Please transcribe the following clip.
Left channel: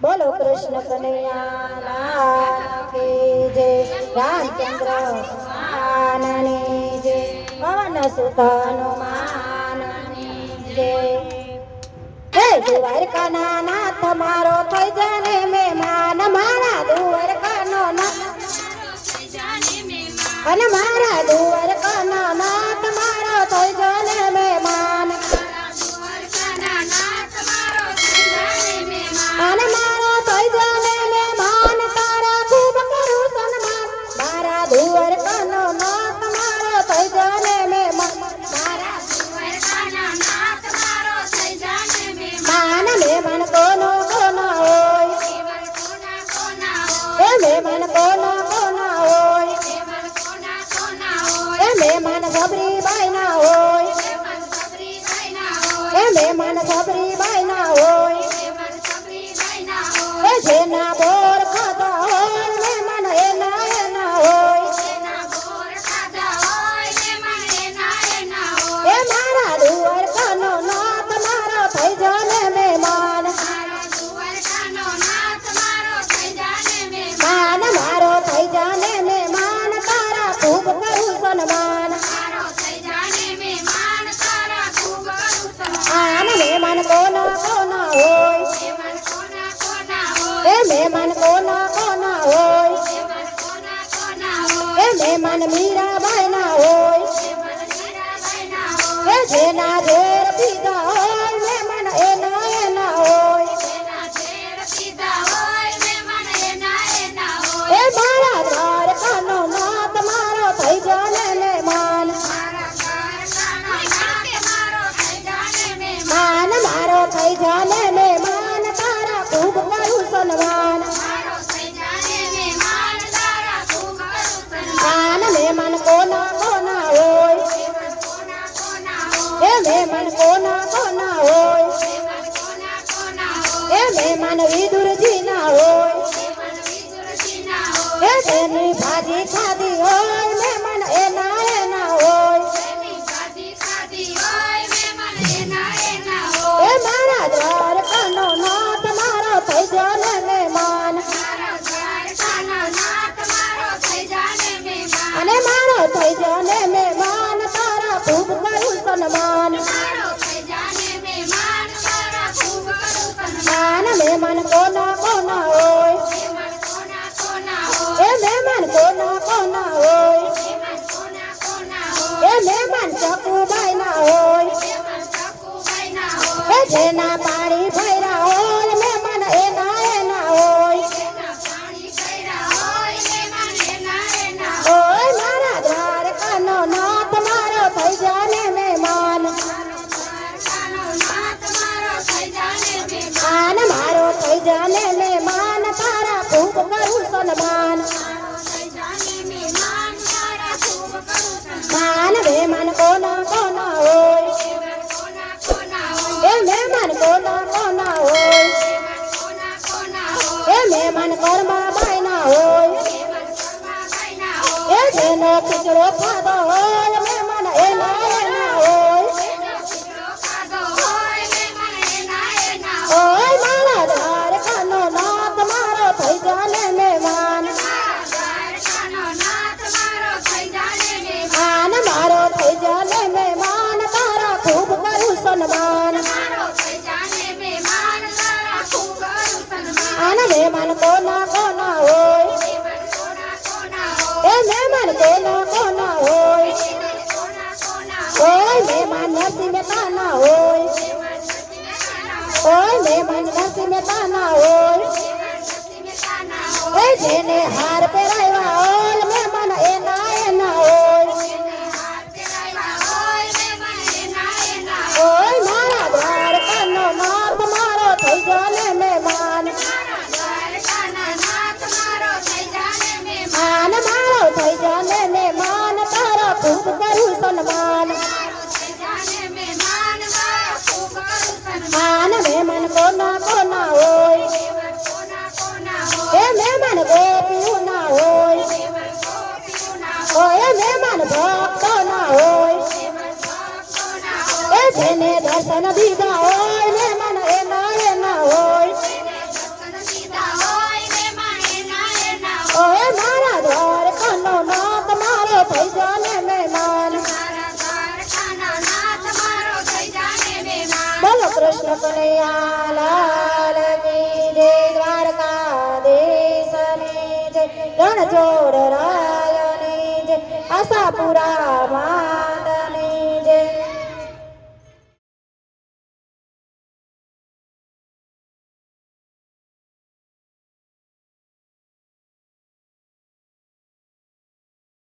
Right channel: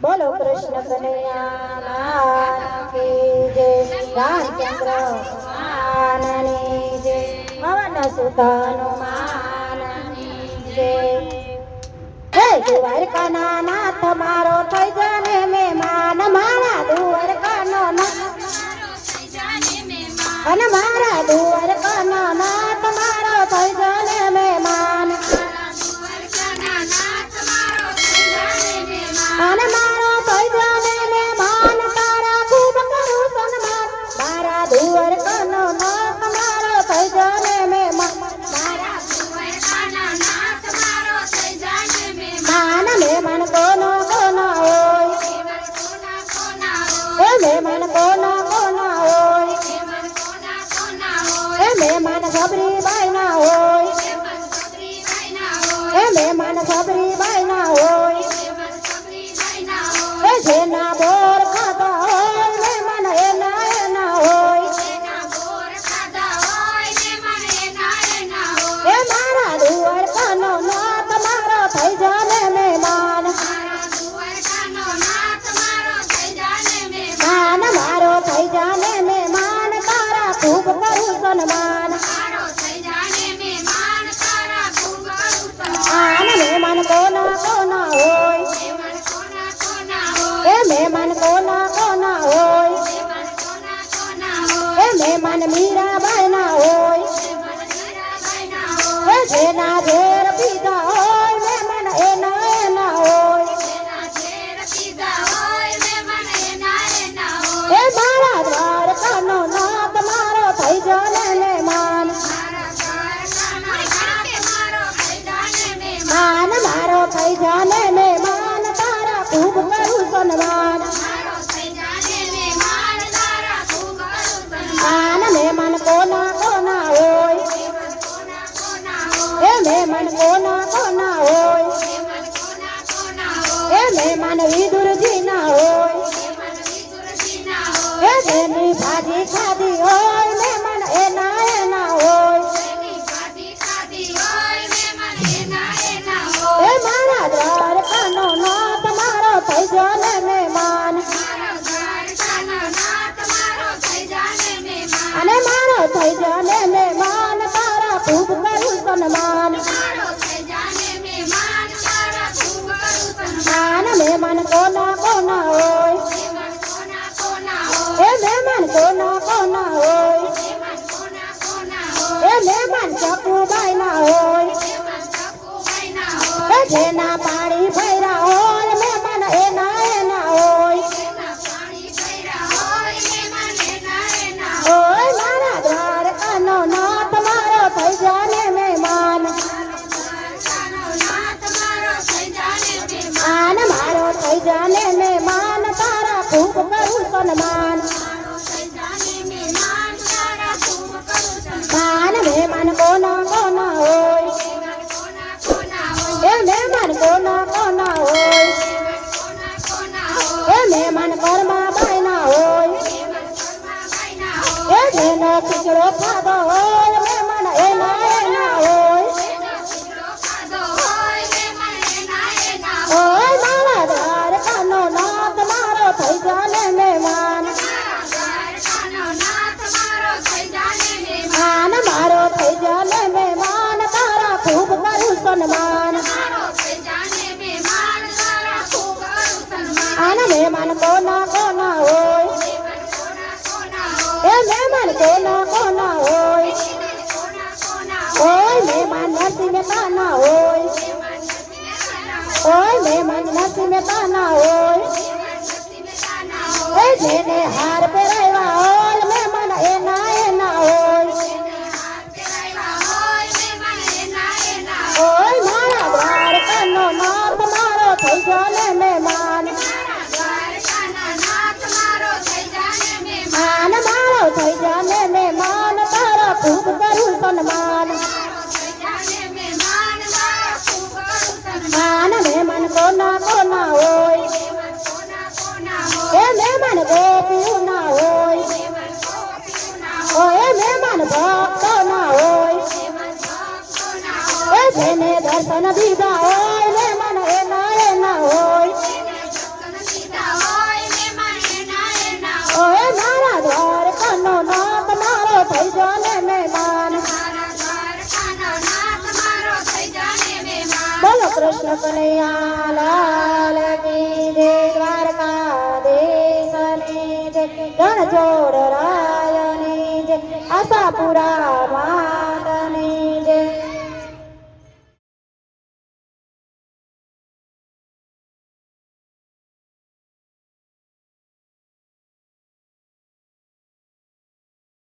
બોલો કૃષ્ણ કનૈયા લાલ કી જય રામચંદ્ર ભગવાનની જય પવન સુત હનુમાનની જય હે દ્વારકાના નાથ મારો થઈ જાને મહેમાન મારા દ્વારકાનો નાથ અને મારા દ્વારકાનો નાથ મારો થઈ જાને મહેમાન અને મારો થઈ જાને મહેમાન તારા ખૂબ કરું સન્માન મારા દ્વારકાનો નાથ મારો થઈ જાને મહેમાન મારા દ્વારકાનો નાથ મારો થઈ જાને મહેમાન મહેમાન કોનો કોનો હોય મહેમાન કોનો કોનો હોય મહેમાન સબરીબાઈ ના હોય મહેમાન સબરીબાઈ ના હોય જેના બોર ખાધા હોય મહેમાન એના હોય એ મારા દ્વારકાનો નાથ મારો થઈ જાને મહેમાન માન મારો થઈ જાને મહેમાન તારા ખૂબ કરું સન્માન આન મહેમાન કોના કોના હોય એ મહેમાન કોના કોના હોય એ મહેમાન મીરાબાઈ ના હોય એ જેના ઝેર પીધા હોય મહેમાન એના હોય એ મારા દ્વારકાનો નાથ મારો થઈ જાને મહેમાન માન મારો થઈ જાને મહેમાન તારા ખૂબ કરું સન્માન માન મહેમાન કોના કોના હોય એ મહેમાન કોના કોના હોય એ મહેમાન વિદુરજી ના હોય એ જેની ભાજી ખાધી હોય મહેમાન એના હોય એ મારા દ્વારકાનો નાથ મારો થઈ જાને મહેમાન અને મારો થઈ જાને મહેમાન તારા ખૂબ કરું સન્માન માન મહેમાન કોના કોના હોય એ મહેમાન કોના કોના હોય એ મહેમાન ચકુબાઈ ના હોય એ જેના પાણી ભર્યા હોય મહેમાન એના હોય ઓય મારા દ્વારકાનો નાથ મારો થઈ જાને મહેમાન આન મારો થઈ જાને મહેમાન તારા ખૂબ કરું સન્માન માન મહેમાન કોના કોના હોય એ મહેમાન કોના કોના હોય એ મહેમાન કર્માબાઈ ના હોય એ જેનો ખીચડો ખાધો હોય મહેમાન એના હોય ઓય મારા દ્વારકાનો નાથ મારો થઈ જાને મહેમાન આન મારો થઈ જાને મહેમાન તારા ખૂબ કરું સન્માન આન મહેમાન કોના કોના હોય એ મહેમાન કોના કોના હોય ઓય મહેમાન નરસિંહ મહેતા ના હોય ઓય મહેમાન નરસિંહ મહેતા ના હોય એ જેને હાર પહેરાવ્યા હોય મહેમાન એના હોય ઓય મારા દ્વારકાનો નાથ મારો થઈ જાને મહેમાન માન મારો થઈ જાને મહેમાન તારા ખૂબ કરું સન્માન માન મહેમાન કોના કોના હોય એ મહેમાન ગોપીઓ ના હોય ઓય મહેમાન ભક્તો ના હોય એ જેને દર્શન દીધા હોય મહેમાન એના હોય કનૈયા લાલ કી જય દ્વારકાધીશની જય ગણજો